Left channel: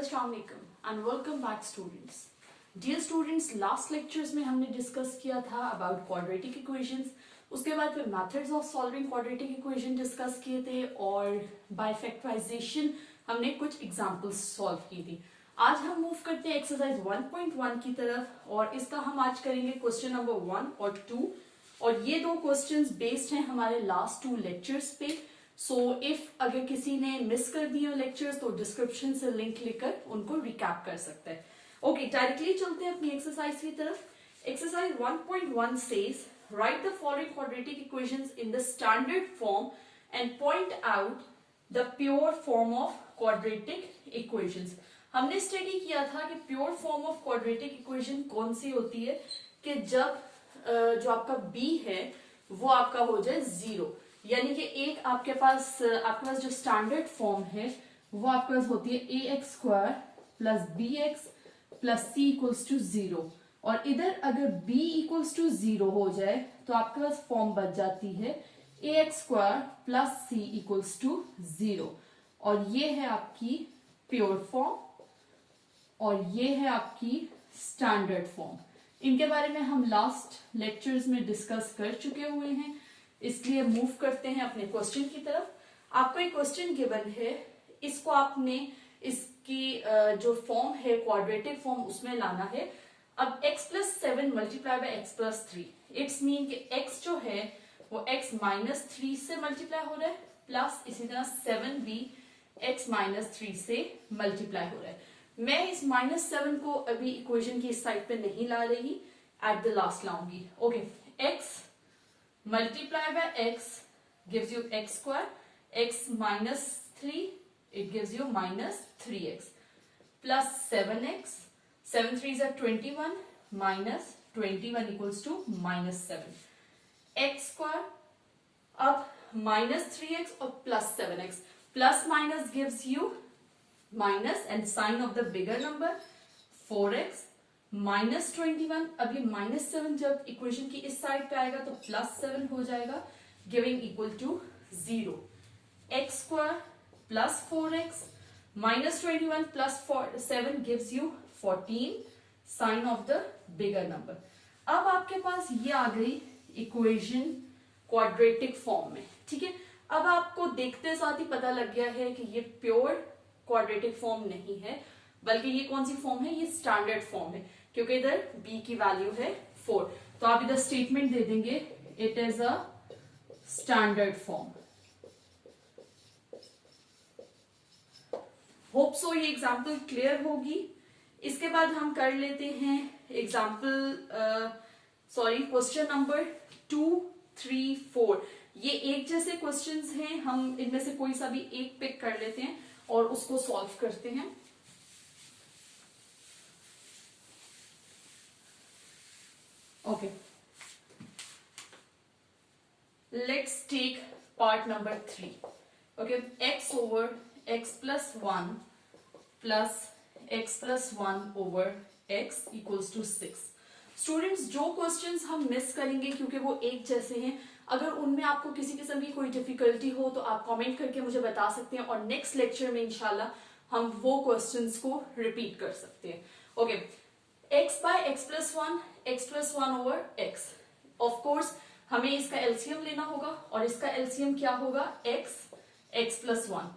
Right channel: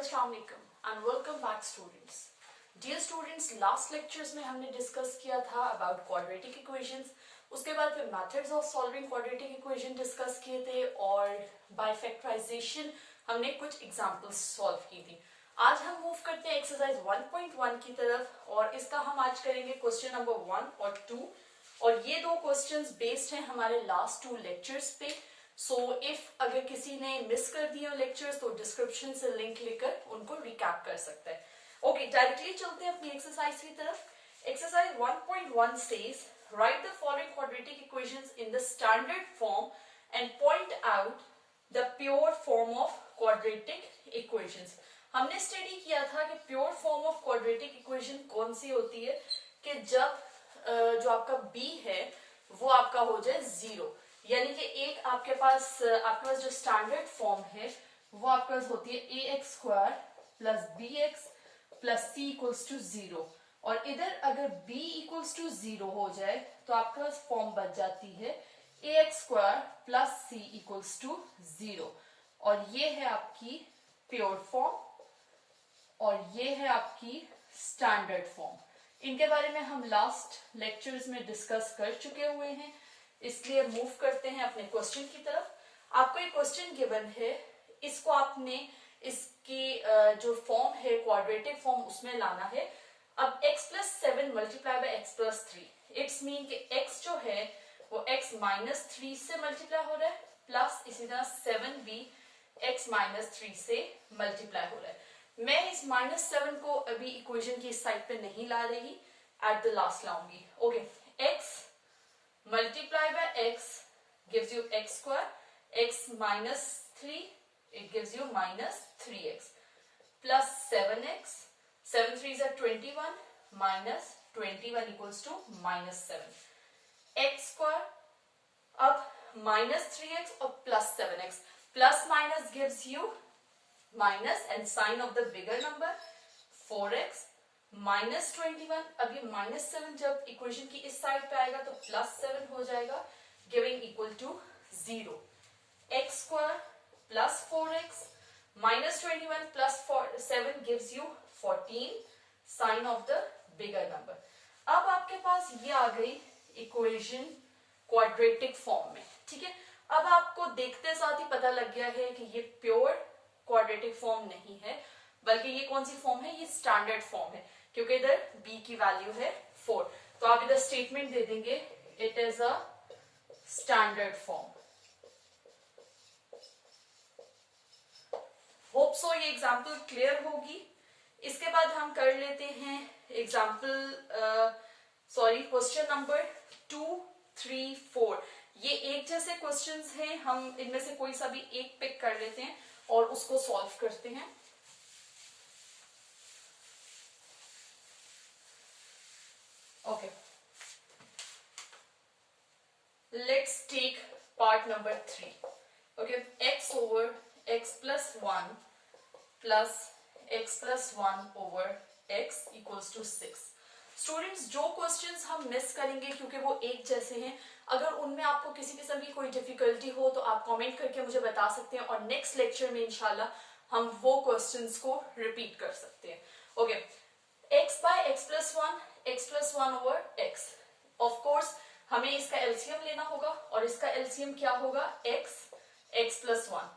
अस्सलाम वालेकुम and welcome back students. Dear students, last lectures में हमने डिस्कस किया था अबाउट क्वाड्रेटिक इक्वेशंस। उसके बाद फिर methods of solving quadratic equation discuss किए थे और बाय फैक्टराइजेशन हमने कुछ एग्जांपल्स सॉल्व की थी। आज हम मूव करते हैं एक्सरसाइज 1.1 की तरफ और इसका हम आज करेंगे क्वेश्चन नंबर 1 और 2 और ये दो क्वेश्चंस बेस्ड हैं हमारे लास्ट 2 लेक्चर्स पे। सो इफ अगर किसी ने मिस कर दिया लेक्चर्स तो डिस्क्रिप्शन से लिंक लेकर उनको रिकैप कर सकते हैं। ओके, डायरेक्टली चलते हैं अपनी एक्सरसाइज की तरफ। Exercise 1.1 says right the following quadratic equations in the standard form and point out the pure form of quadratic equations. हमने स्टडी किया था कि pure form of quadratic equation कौन सी होती है कि जब जो आपका b है वो आपका हो जाए 0, यानी कि एक आपके पास जो स्टैंडर्ड फॉर्म है वो आपके पास होती है ax² plus bx plus c equals to 0 और इधर अगर b इक्वल्स टू 0 हो जाए तो आपके पास फॉर्म बच जाती है ax² plus c equals to 0 और ये है आपकी प्योर फॉर्म और ये है आपकी स्टैंडर्ड फॉर्म। इनके बारे में हम लास्ट लेक्चर्स में डिस्कस कर चुके हुए हैं, इसलिए मूव करते हैं अपने क्वेश्चन की तरफ। आपको एक क्वेश्चन गिवन है, इसको आपने इसकी जो फॉर्म है क्वाड्रेटिक फॉर्म उसमें लाना है। अब x plus 7 multiply by x plus 3, it's mean कि x जो है वो x माइनस 3 से मल्टीप्लाई हो रहा है प्लस इसी तरह 7 भी x माइनस 3 से मल्टीप्लाई हो रहा है। मैं इस -7 को अभी इक्वेशन की इस साइड पे नहीं ला रही, एट द लास्ट लाऊंगी। Okay, x multiply by x gives you x², x minus 3 it gives you minus 3x plus 7x, 7 3s are 21 minus 21 equals to minus 7 x²। अब minus 3x और plus 7x, plus minus gives you minus and sign of the bigger number 4x minus 21। अब ये -7 जब equation की इस side पे आएगा तो +7 हो जाएगा, giving equal to 0। x² plus 4x minus 21 plus 7 gives you 14, sign of the bigger number. अब आपके पास ये आ गई इक्वेशन क्वाड्रेटिक फॉर्म में, ठीक है। अब आपको देखते साथ ही पता लग गया है कि ये प्योर क्वाड्रेटिक फॉर्म नहीं है, बल्कि ये कौन सी फॉर्म है, ये स्टैंडर्ड फॉर्म है, क्योंकि इधर b की वैल्यू है 4। तो आप इधर स्टेटमेंट दे देंगे it is a standard form. Hope so ये एग्जाम्पल क्लियर होगी। इसके बाद हम कर लेते हैं एग्जाम्पल क्वेश्चन नंबर 2, 3, 4। ये एक जैसे क्वेश्चंस हैं, हम इनमें से कोई सा भी एक पिक कर लेते हैं और उसको सॉल्व करते हैं। Okay, let's take part number 3। Okay, x over x plus 1 plus x plus 1 over x equals to 6। Students, जो क्वेश्चंस हम मिस करेंगे क्योंकि वो एक जैसे हैं, अगर उनमें आपको किसी किस्म की कोई डिफिकल्टी हो तो आप कमेंट करके मुझे बता सकते हैं और नेक्स्ट लेक्चर में इंशाल्लाह हम वो क्वेश्चंस को रिपीट कर सकते हैं। Okay, x by x plus 1 over x। Of course हमें इसका एलसीएम लेना होगा और इसका एलसीएम क्या होगा, x प्लस 1।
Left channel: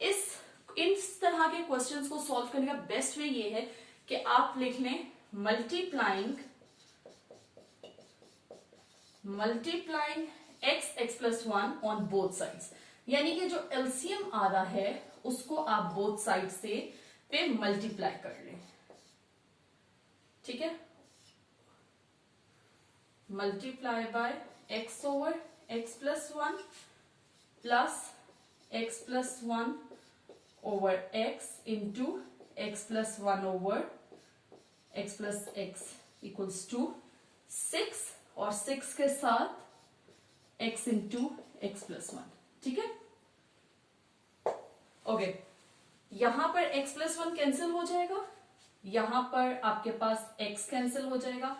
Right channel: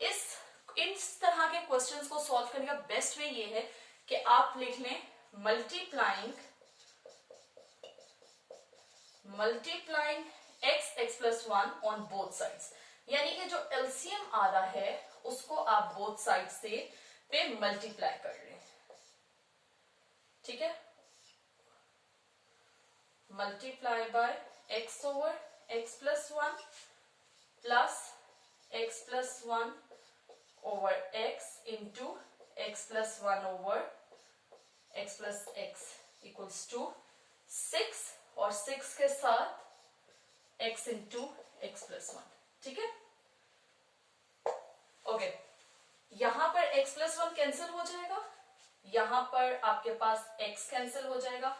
इस तरह के क्वेश्चंस को सॉल्व करने का बेस्ट वे ये है कि आप लिख लें multiplying x plus 1 on both sides, यानी कि जो एलसीएम आ रहा है उसको आप बोथ साइड से पे मल्टीप्लाई कर लें, ठीक है। Multiply by x over x plus 1 plus x plus 1 over x into x plus 1 over x plus x equals to 6 और 6 के साथ x इंटू x प्लस 1, ठीक है। ओके, यहां पर x प्लस 1 कैंसिल हो जाएगा, यहां पर आपके पास x कैंसिल हो जाएगा,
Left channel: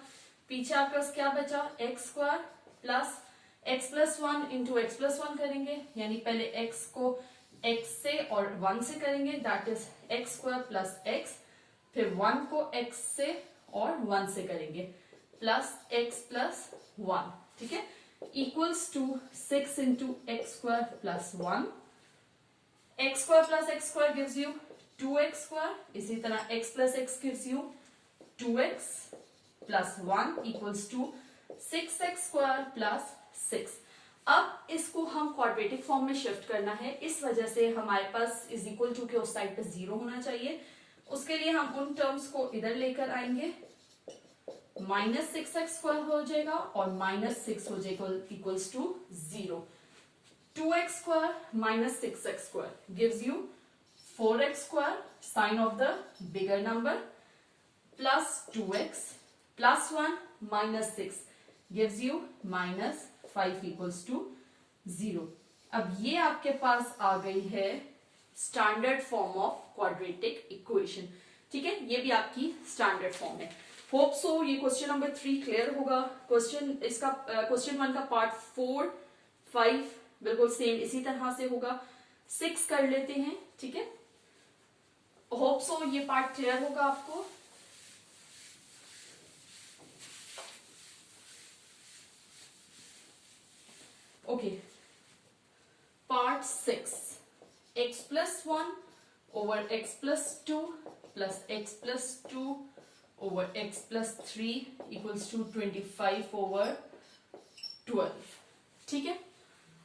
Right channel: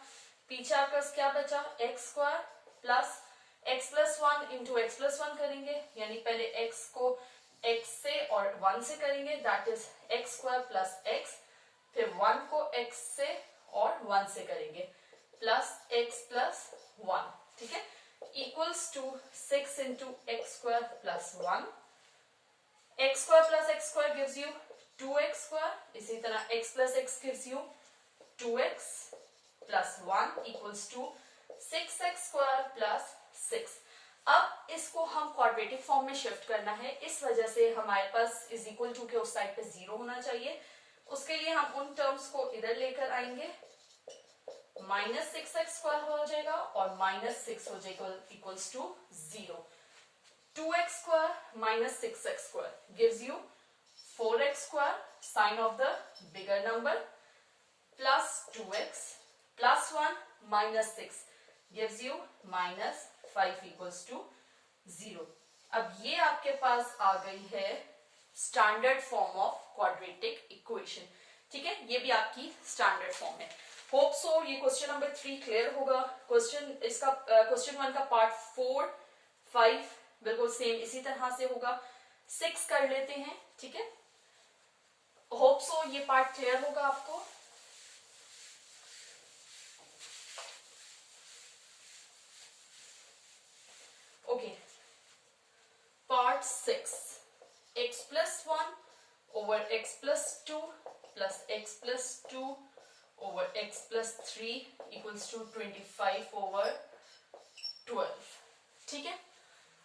पीछे आपके पास क्या बचा, x² plus x plus 1 into x plus 1 करेंगे, यानी पहले x को x से और 1 से करेंगे, that is x square plus x, फिर 1 को x से और 1 से करेंगे, प्लस एक्स प्लस 1, ठीक है, equals to 6 into x square plus 1, x square plus x square gives you 2x square, इसी तरह x plus x gives you 2x plus 1 equals to 6x square plus 6। अब इसको हम क्वाड्रेटिक फॉर्म में shift करना है, इस वजह से हमारे पास इज इक्वल टू के उस साइड पे 0 होना चाहिए। उसके लिए हम उन टर्म्स को इधर लेकर आएंगे, माइनस 6x स्क्वायर हो जाएगा और माइनस 6 हो जाएगा equals to 0। 2x square minus 6x square gives you 4x square, sign of the bigger number, plus 2x plus 1 minus 6 gives you minus 5 equals to 0। अब ये आपके पास आ गई है standard form of quadratic equation, ठीक है, ये भी आपकी स्टैंडर्ड फॉर्म है। होप सो ये क्वेश्चन नंबर 3 क्लियर होगा। क्वेश्चन 1 का पार्ट 4, 5 बिल्कुल सेम इसी तरह से होगा, 6 कर लेते हैं, ठीक है। होप सो ये पार्ट क्लियर होगा आपको। Okay, part 6, x plus 1 over x plus 2 plus x plus 2 over x plus 3 equals to 25 over 12, ठीक है।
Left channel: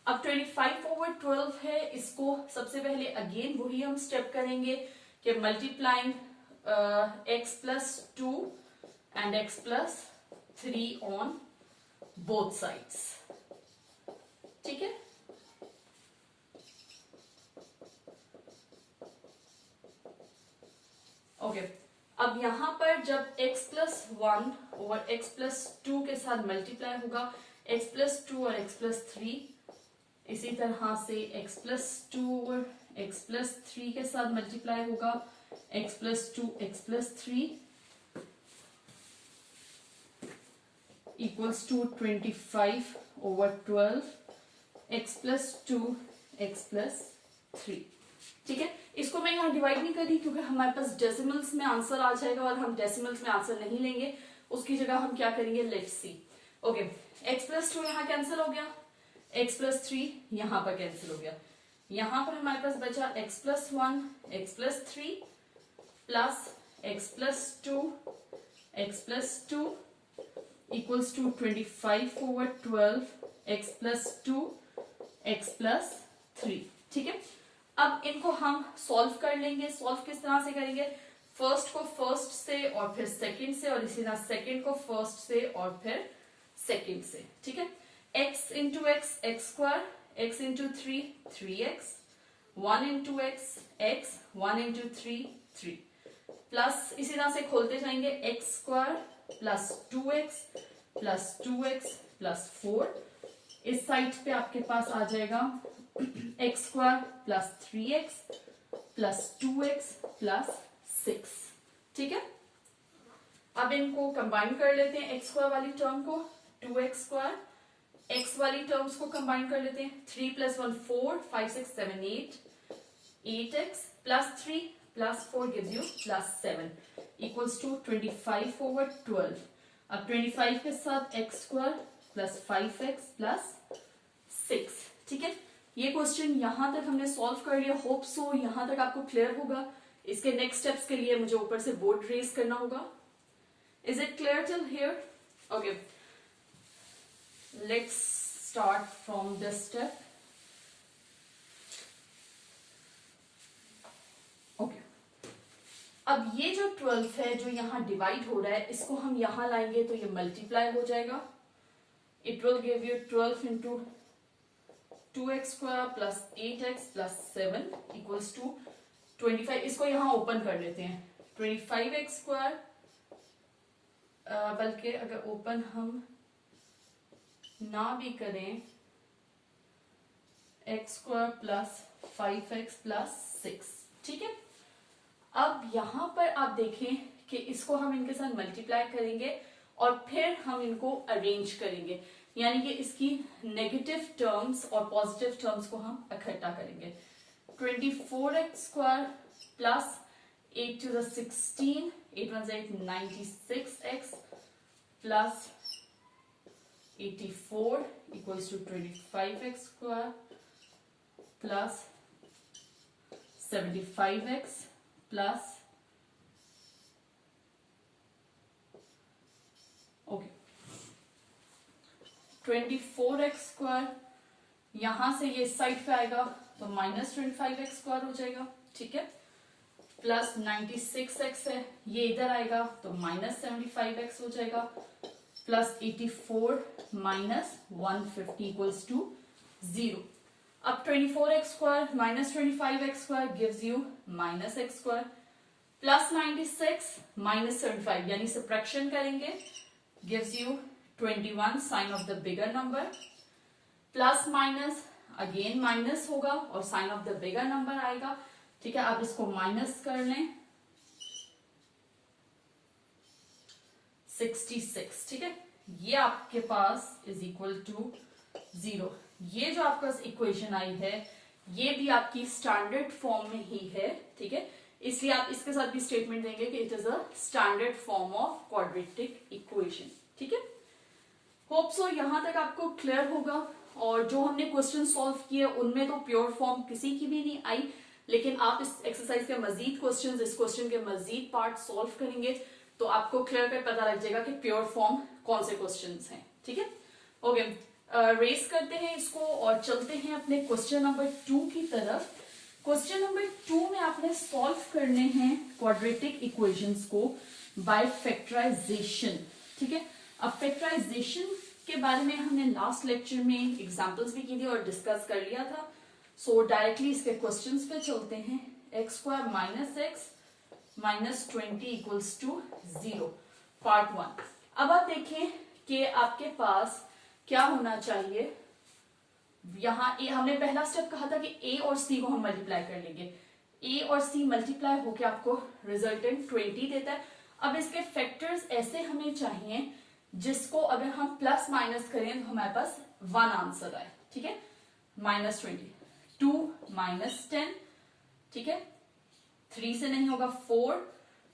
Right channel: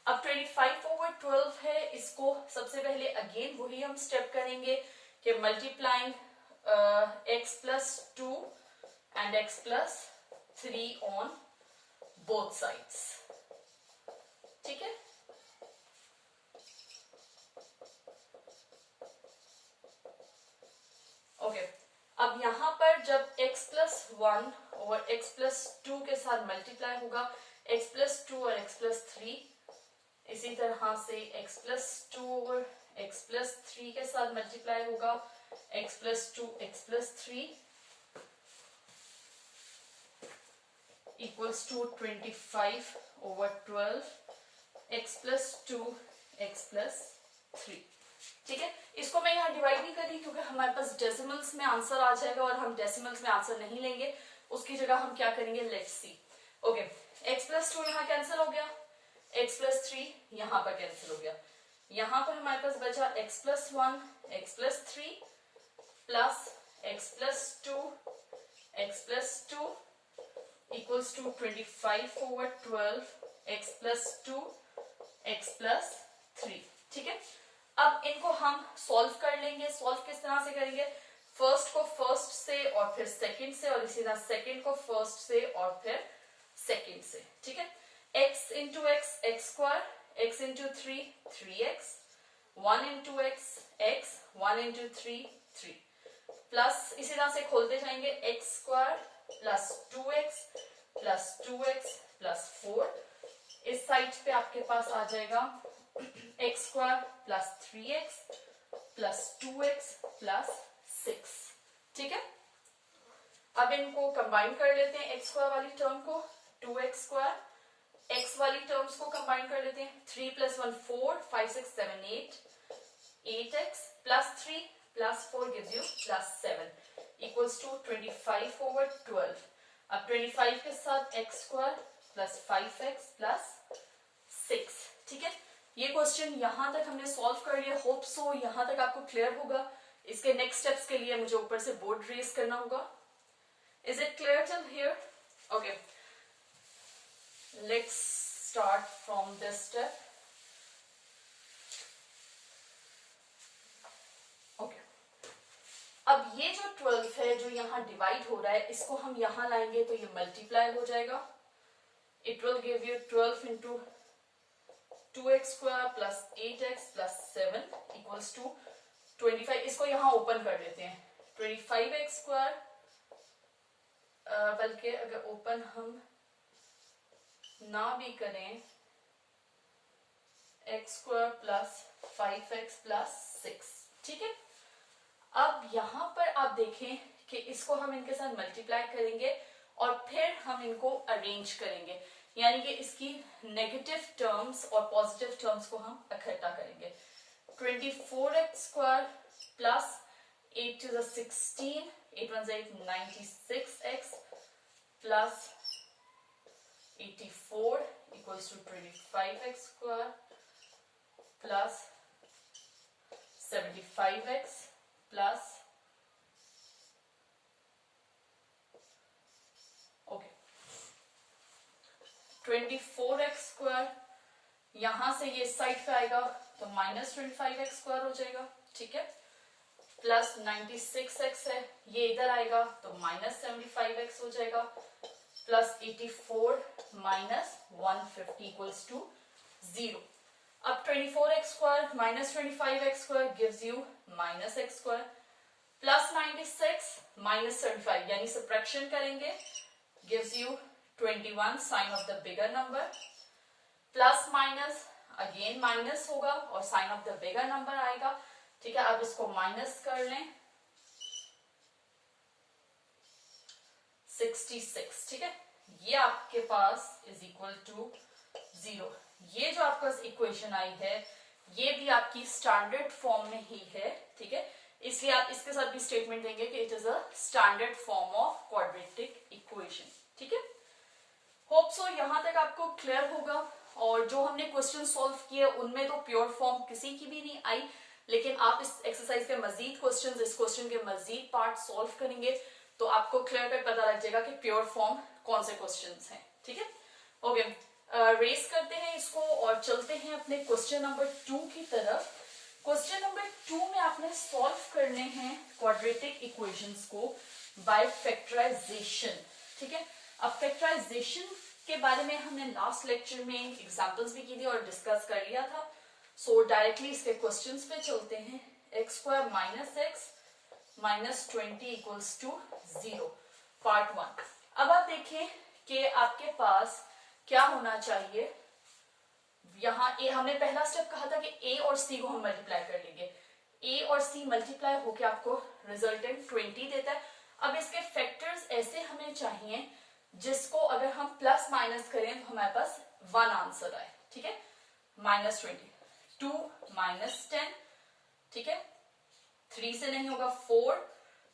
अब 25 over 12 है, इसको सबसे पहले अगेन वही हम स्टेप करेंगे कि multiplying x plus 2 and x plus 3 on both sides, ठीक है। ओके, अब यहां पर जब x प्लस 1 और x प्लस 2 के साथ मल्टीप्लाई होगा, x प्लस 2 और x प्लस 3, इसी तरह से x प्लस 2 और x प्लस 3 के साथ मल्टीप्लाई होगा, x plus 2 x plus 3 equals to 25 over 12 x plus 2 x plus 3, ठीक है। इसको मैं यहाँ डिवाइड नहीं करी क्योंकि हमारे पास डेसिमल्स में आंसर आ जाएगा और हम डेसिमल्स में आंसर नहीं लेंगे, उसकी जगह हम क्या करेंगे, let's see. Okay, x plus 2 यहाँ कैंसिल हो गया, x प्लस 3 यहाँ पर कैंसिल हो गया, यहाँ पर हमारे पास बचा x plus 1 x plus 3 plus x plus 2 x plus 2 equals to 25 over 12 x plus 2 x plus 3, ठीक है। अब इनको हम सॉल्व कर लेंगे। सॉल्व किस तरह से करेंगे, फर्स्ट को फर्स्ट से और फिर सेकंड से, और इसी तरह सेकंड को फर्स्ट से और फिर सेकंड से, ठीक है। x into x x square, x into 3 3x, 1 into x 1 into 3 3, plus इसी तरह से खोलते जाएंगे x square plus 2x plus 2x plus 4, इस साइड पे आपके पास आ जाएगा x square plus 3x plus 2x plus 6, ठीक है। अब इनको कंबाइन कर लेते हैं, एक्स स्क्वायर वाली टर्म को 2x स्क्वायर, x वाली टर्म्स को कंबाइन कर लेते हैं, 3 plus 1 4 5 6 7 8 8x plus 3 plus 4 gives you plus 7 equals to 25 over 12। अब 25 के साथ x square plus 5x plus 6, ठीक है। ये क्वेश्चन यहां तक हमने सॉल्व कर लिया। होप सो यहां तक आपको क्लियर होगा। इसके नेक्स्ट स्टेप्स के लिए मुझे ऊपर से बोर्ड रेज करना होगा। Is it clear till here? Okay, let's start from this step. Okay, अब ये जो 12 है जो यहाँ डिवाइड हो रहा है, इसको हम यहां लाएंगे तो ये मल्टीप्लाई हो जाएगा। It will give you 12 into 2x square plus 8x plus 7 equals to 25। इसको यहां ओपन कर लेते हैं, 25x स्क्वायर, बल्कि अगर ओपन हम ना भी करें, x square plus 5x plus 6, ठीक है। अब यहां पर आप देखें कि इसको हम इनके साथ मल्टीप्लाई करेंगे और फिर हम इनको अरेंज करेंगे, यानी कि इसकी नेगेटिव टर्म्स और पॉजिटिव टर्म्स को हम इकट्ठा करेंगे। 24x square plus 8 to the 16, 8 1 8, 96x plus 84 equals to 25x square plus 75x plus, okay 24x square, यहां से ये साइड पे आएगा तो -25x स्क्वायर हो जाएगा, ठीक है, प्लस 96x है, ये इधर आएगा तो -75x हो जाएगा, प्लस 84 माइनस 150 इक्वल्स टू 0. अब 24x square minus 25x square gives you -x square plus 96 minus 75, यानी सब्ट्रैक्शन करेंगे, gives you 21 sign of the bigger number, plus minus again minus होगा और sign of the bigger number आएगा, ठीक है. आप इसको माइनस कर लें 66, ठीक है. ये आपके पास इज इक्वल टू 0. ये जो आपका इक्वेशन आई है ये भी आपकी स्टैंडर्ड फॉर्म में ही है, ठीक है, इसलिए आप इसके साथ भी स्टेटमेंट देंगे कि it is a standard form of quadratic equation, ठीक है. होप सो यहां तक आपको क्लियर होगा. और जो हमने क्वेश्चन सॉल्व किए उनमें तो प्योर फॉर्म किसी की भी नहीं आई, लेकिन आप इस एक्सरसाइज के मजीद क्वेश्चन, इस क्वेश्चन के मजीद पार्ट सॉल्व करेंगे तो आपको क्लियर कट पता लग जाएगा कि प्योर फॉर्म कौन से क्वेश्चन हैं, ठीक है. ओके, रेस करते हैं इसको और चलते हैं अपने क्वेश्चन नंबर 2 की तरफ. क्वेश्चन नंबर 2 में आपने सॉल्व करने हैं क्वाड्रेटिक इक्वेशंस को बाय फैक्टराइजेशन, ठीक है. अब फैक्टराइजेशन के बारे में हमने लास्ट लेक्चर में एग्जांपल्स भी की थी और डिस्कस कर लिया था. सो डायरेक्टली इसके क्वेश्चंस पे चलते हैं. X square minus x minus 20 equals to 0, part 1. अब आप देखें कि आपके पास क्या होना चाहिए. यहां हमने पहला स्टेप कहा था कि ए और सी को हम मल्टीप्लाई कर लेंगे. ए और सी मल्टीप्लाई होके आपको रिजल्टेंट 20 देता है. अब इसके फैक्टर्स ऐसे हमें चाहिए जिसको अगर हम प्लस माइनस करें तो हमारे पास 1 आंसर आए, ठीक है. -20, 2 माइनस 10, ठीक है, 3 से नहीं होगा, 4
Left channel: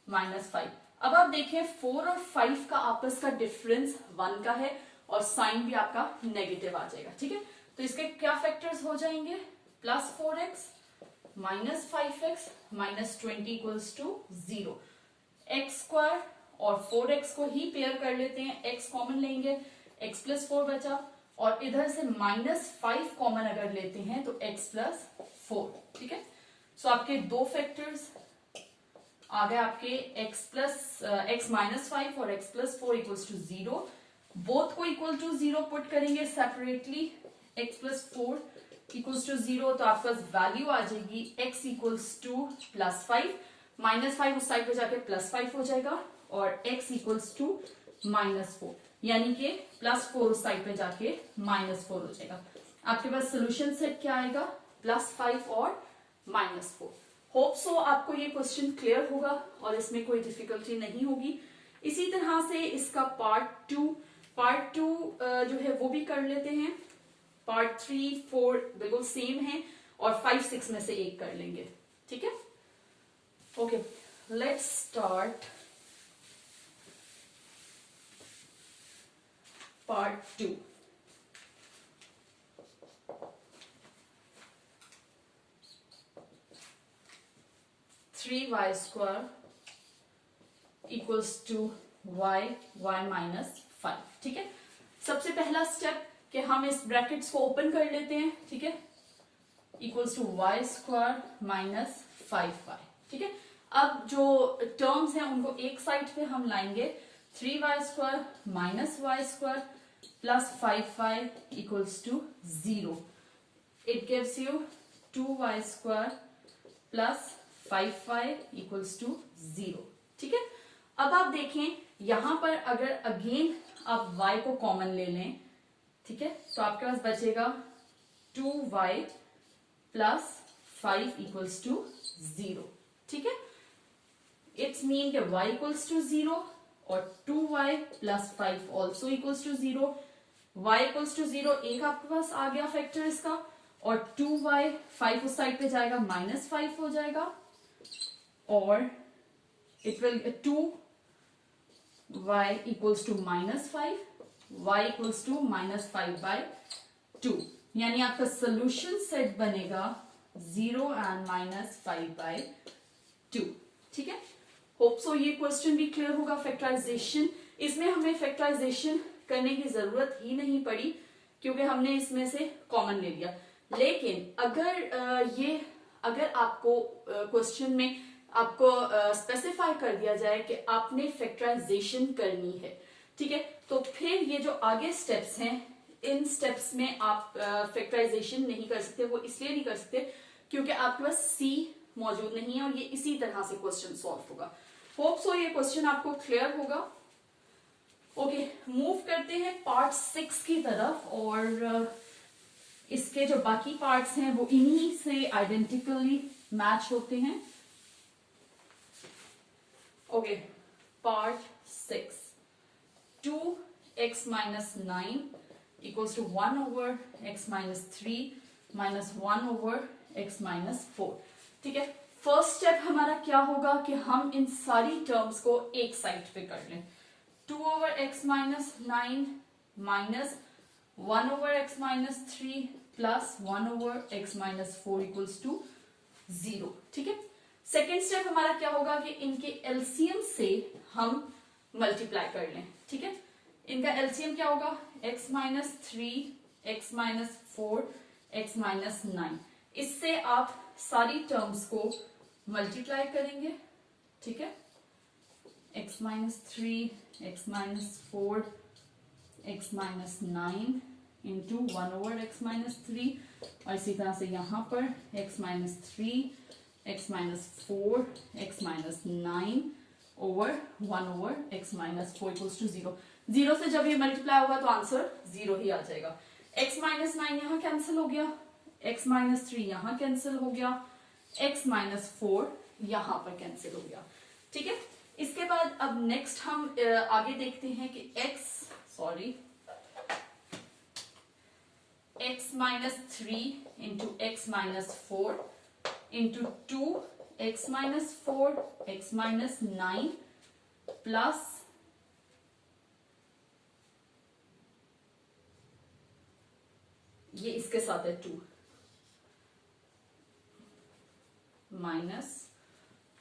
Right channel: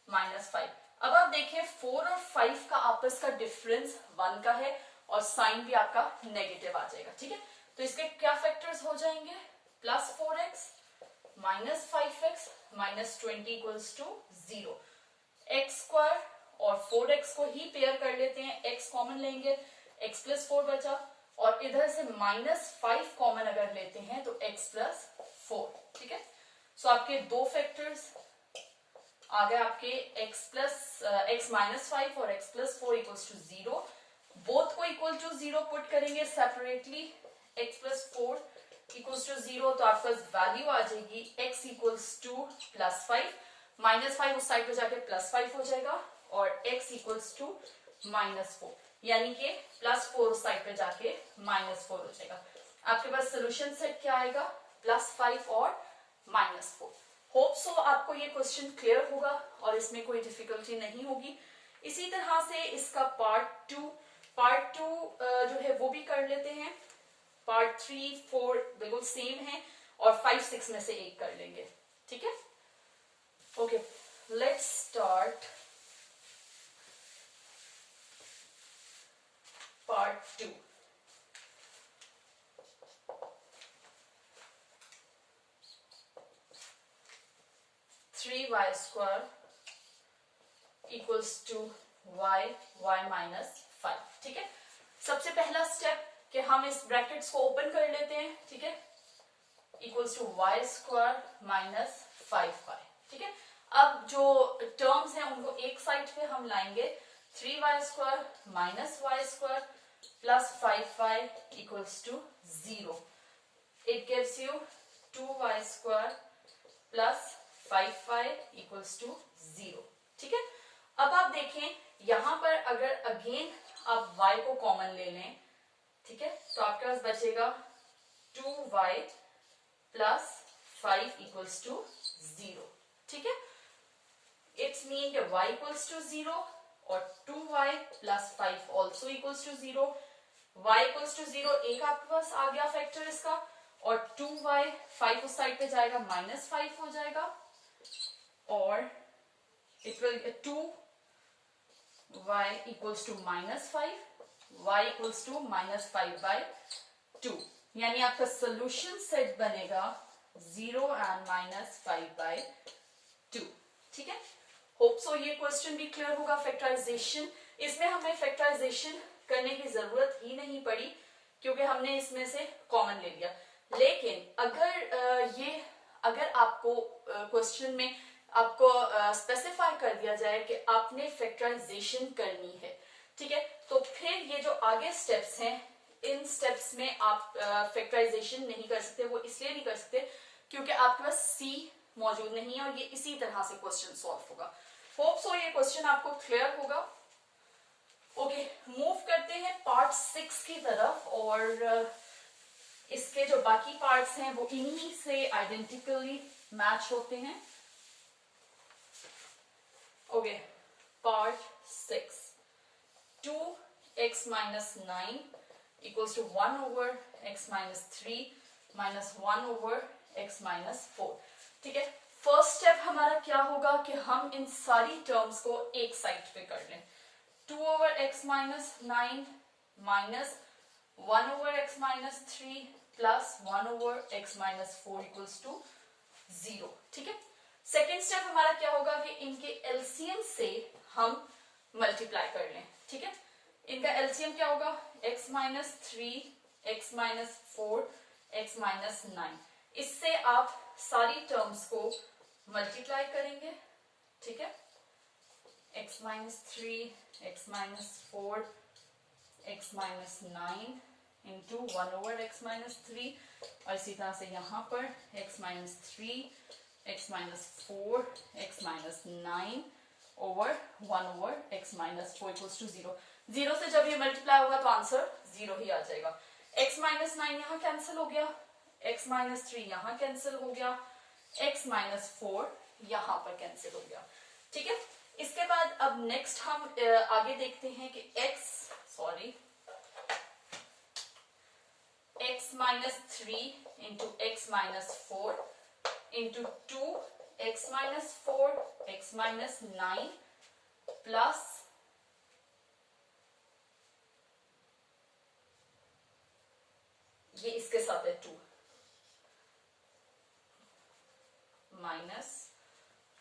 -5. अब आप देखें 4 और 5 का आपस का डिफरेंस 1 का है और साइन भी आपका नेगेटिव आ जाएगा, ठीक है. तो इसके क्या फैक्टर्स हो जाएंगे, plus 4x minus 5x minus 20 equals to 0. X square और 4x को ही पेयर कर लेते हैं, x कॉमन लेंगे, x प्लस 4 बचा, और इधर से -5 कॉमन अगर लेते हैं तो x प्लस 4, ठीक है. सो आपके दो फैक्टर्स आ गए आपके x माइनस 5 और x plus 4 equals to 0. Both को इक्वल टू 0 पुट करेंगे separately, x plus 4 equals to 0, तो आपके पास वैल्यू आ जाएगी x इक्वल्स टू प्लस 5, -5 उस साइड पे जाके प्लस 5 हो जाएगा और x इक्वल्स टू -4, यानी कि +4 उस साइड पे जाके -4 हो जाएगा. आपके पास सोल्यूशन सेट क्या आएगा, +5 और -4. होप सो आपको ये क्वेश्चन क्लियर होगा और इसमें कोई डिफिकल्टी नहीं होगी. इसी तरह से इसका पार्ट 2 जो है वो भी कर लेते हैं. पार्ट 3, 4 बिल्कुल सेम है और 5, 6 में से एक कर लेंगे, ठीक है. Okay, let's start part 2. Three y square equals to y minus 5, ठीक है. सबसे पहला स्टेप कि हम इस ब्रैकेट्स को ओपन कर लेते हैं, ठीक है, equals to y square minus 5y, ठीक है. अब जो टर्म्स हैं उनको एक साइड पे हम लाएंगे, 3y square minus y square plus 5y equals to 0. It gives you 2y square plus 5y equals to 0, ठीक है. अब आप देखें यहां पर अगर अगेन आप y को कॉमन ले लें, ठीक है, तो आपके पास बचेगा 2y प्लस 5 इक्वल्स टू 0, ठीक है. इट्स मीन कि y इक्वल्स टू 0 और 2y plus 5 also equals to 0. y equals to 0 एक आपके पास आ गया फैक्टर इसका, और 2y 5 उस साइड पे जाएगा -5 हो जाएगा और it will 2y equals to -5 y equals to -5/2 यानी आपका सोल्यूशन सेट बनेगा 0 एंड -5/2। ठीक है, होप सो ये क्वेश्चन भी क्लियर होगा। फैक्टराइजेशन, इसमें हमें फैक्टराइजेशन करने की जरूरत ही नहीं पड़ी क्योंकि हमने इसमें से कॉमन ले लिया। लेकिन अगर आपको क्वेश्चन में आपको स्पेसिफाई कर दिया जाए कि आपने फैक्टराइजेशन करनी है, ठीक है, तो फिर ये जो आगे स्टेप्स हैं इन स्टेप्स में आप फैक्टराइजेशन नहीं कर सकते। वो इसलिए नहीं कर सकते क्योंकि आपके पास सी मौजूद नहीं है और ये इसी तरह से क्वेश्चन सॉल्व होगा। होप सो ये क्वेश्चन आपको क्लियर होगा। ओके, मूव करते हैं पार्ट 6 की तरफ और इसके जो बाकी पार्ट्स हैं वो इन्हीं से आइडेंटिकली मैच होते हैं। Okay, part 6, 2x minus 9 equals to 1 over x minus 3 minus 1 over x minus 4। ठीक है, फर्स्ट स्टेप हमारा क्या होगा कि हम इन सारी टर्म्स को एक साइड पे कर लें। 2 over x minus 9 minus 1 over x minus 3 plus 1 over x minus 4 equals to 0। ठीक है, सेकेंड स्टेप हमारा क्या होगा कि इनके एलसीएम से हम मल्टीप्लाई कर लें। ठीक है, इनका एलसीएम क्या होगा, x minus 3 x minus 4 x minus 9। इससे आप सारी टर्म्स को मल्टीप्लाई करेंगे। ठीक है, x minus 3 x minus 4 x minus 9 into 1 over x minus 3 और इसी तरह से यहाँ पर x minus 3 x minus 4 x minus 9 over 1 over x minus 4 equals to 0। 0 से जब ये मल्टीप्लाई होगा तो आंसर 0 ही आ जाएगा। x minus 9 यहाँ कैंसिल हो गया, x minus 3 यहाँ कैंसिल हो गया, x minus 4 यहाँ पर कैंसिल हो गया। ठीक है, इसके बाद अब नेक्स्ट हम आगे देखते हैं कि x minus 3 into x minus 4 into 2 x minus 4 x minus 9 plus ये इसके साथ है 2 minus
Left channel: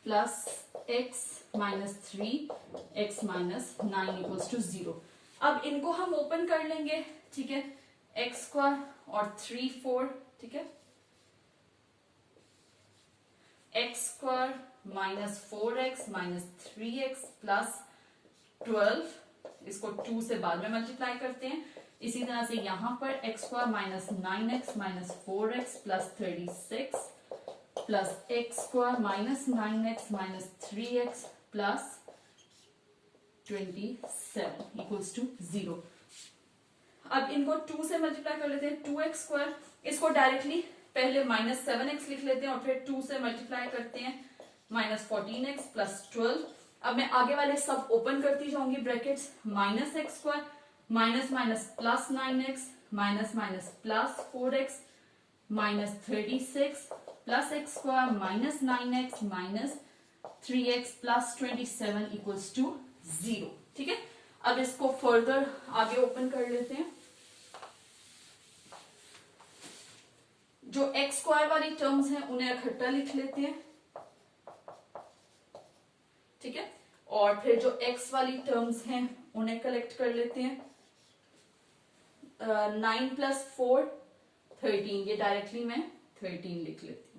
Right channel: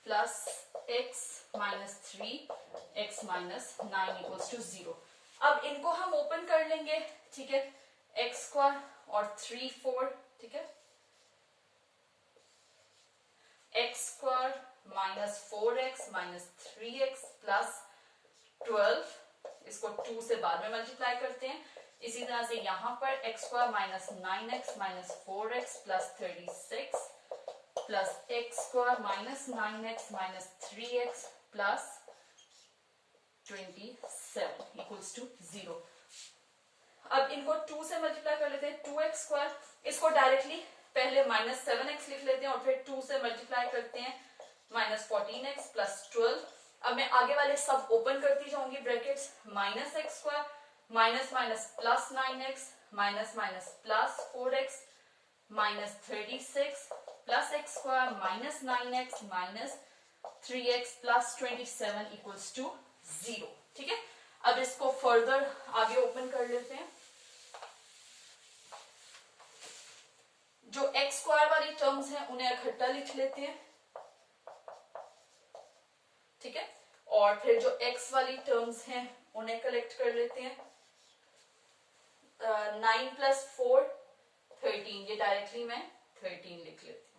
plus x minus 3 x minus 9 equals to 0। अब इनको हम ओपन कर लेंगे। ठीक है, x स्क्वायर और 3 4, ठीक है, x square minus 4x minus 3x plus 12, इसको 2 से बाद में मल्टीप्लाई करते हैं। इसी तरह से यहां पर x square minus 9x minus 4x plus 36 plus x square minus 9x minus 3x plus 27 equals to 0। अब इनको 2 से मल्टीप्लाई कर लेते हैं। 2x स्क्वायर, इसको डायरेक्टली पहले माइनस 7x लिख लेते हैं और फिर 2 से मल्टीप्लाई करते हैं माइनस 14x प्लस 12। अब मैं आगे वाले सब ओपन करती जाऊंगी brackets. Minus x square minus minus plus 9x minus minus plus 4x minus 36 plus x square minus 9x minus 3x plus 27 equals to 0। ठीक है, अब इसको फर्दर आगे ओपन कर लेते हैं। जो एक्स स्क्वायर वाली टर्म्स हैं उन्हें इकट्ठा लिख लेते हैं। ठीक है, और फिर जो एक्स वाली टर्म्स हैं उन्हें कलेक्ट कर लेते हैं। 9 प्लस 4 13, ये डायरेक्टली मैं 13 लिख लेती हूँ।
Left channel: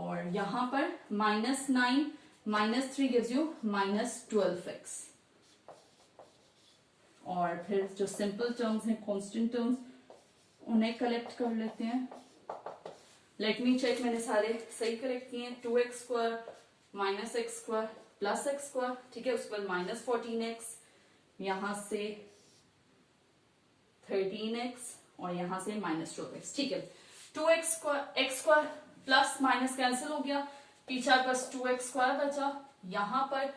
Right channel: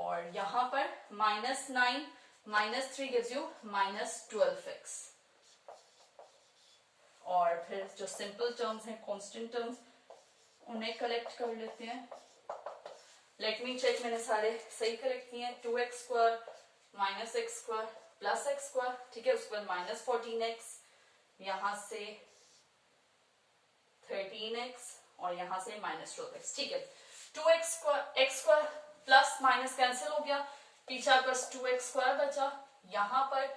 और यहां पर minus 9 minus 3 gives you minus 12x। और फिर जो सिंपल टर्म्स हैं, कांस्टेंट टर्म्स, उन्हें कलेक्ट कर लेते हैं। लेट मी चेक, मैंने सारे सही कलेक्ट किए हैं। 2x square minus x square plus x square, ठीक है, उसके बाद माइनस 14x, यहां से 13x और यहां से माइनस 12x। ठीक है, 2x square x square plus minus cancel हो गया, पीछे बस 2x स्क्वायर बचा। यहां पर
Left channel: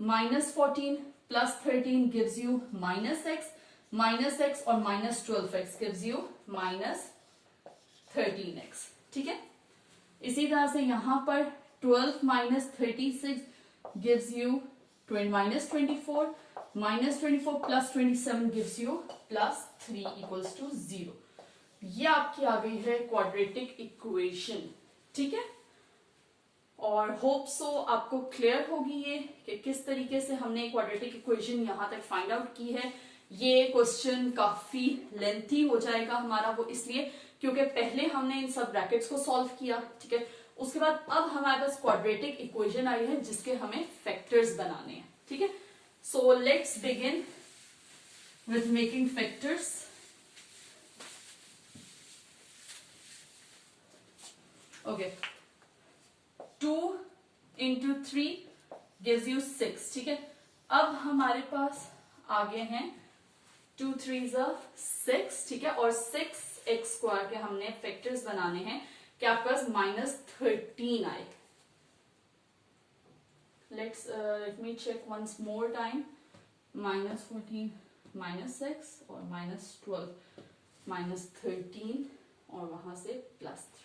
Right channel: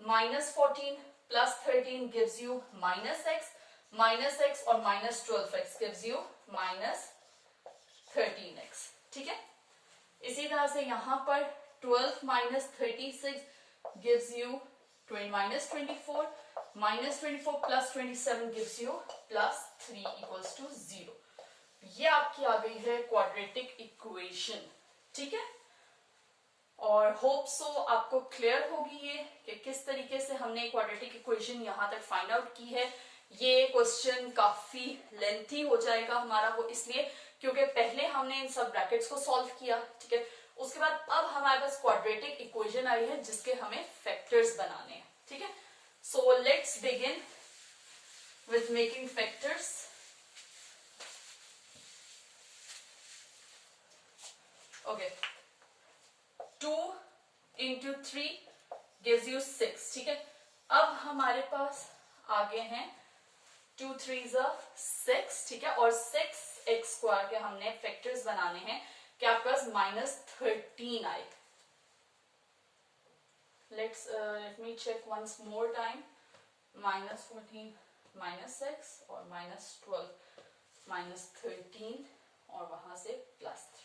minus 14 plus 13 gives you minus x, minus x और minus 12x gives you minus 13x, ठीक है। इसी तरह से यहां पर 12 minus 36 gives you minus 24, minus 24 plus 27 gives you plus 3 equals to 0। ये आपकी आ गई है क्वाड्रेटिक इक्वेशन, ठीक है। और होप सो आपको क्लियर होगी ये कि किस तरीके से हमने क्वाड्रेटिक इक्वेशन यहां तक फाइंड आउट की है। ये क्वेश्चन काफी लेंथी हो जाएगा हमारा, वो इसलिए क्योंकि पहले हमने इन सब ब्रैकेट्स को सॉल्व किया, ठीक है। उसके बाद अब हमारे पास क्वाड्रेटिक इक्वेशन आई है जिसके हमें फैक्टर्स बनाने हैं, ठीक है। So let's begin with making factors. Okay, 2 into 3 gives you 6, ठीक है। अब हमारे पास आगे हैं 2 3s are 6, ठीक है। और 6x² के हमने फैक्टर्स बनाने हैं कि आपके पास माइनस 13 आए। Let me check once more time. Minus 14 minus 6 और माइनस 12 माइनस 13 और वहां से प्लस 3।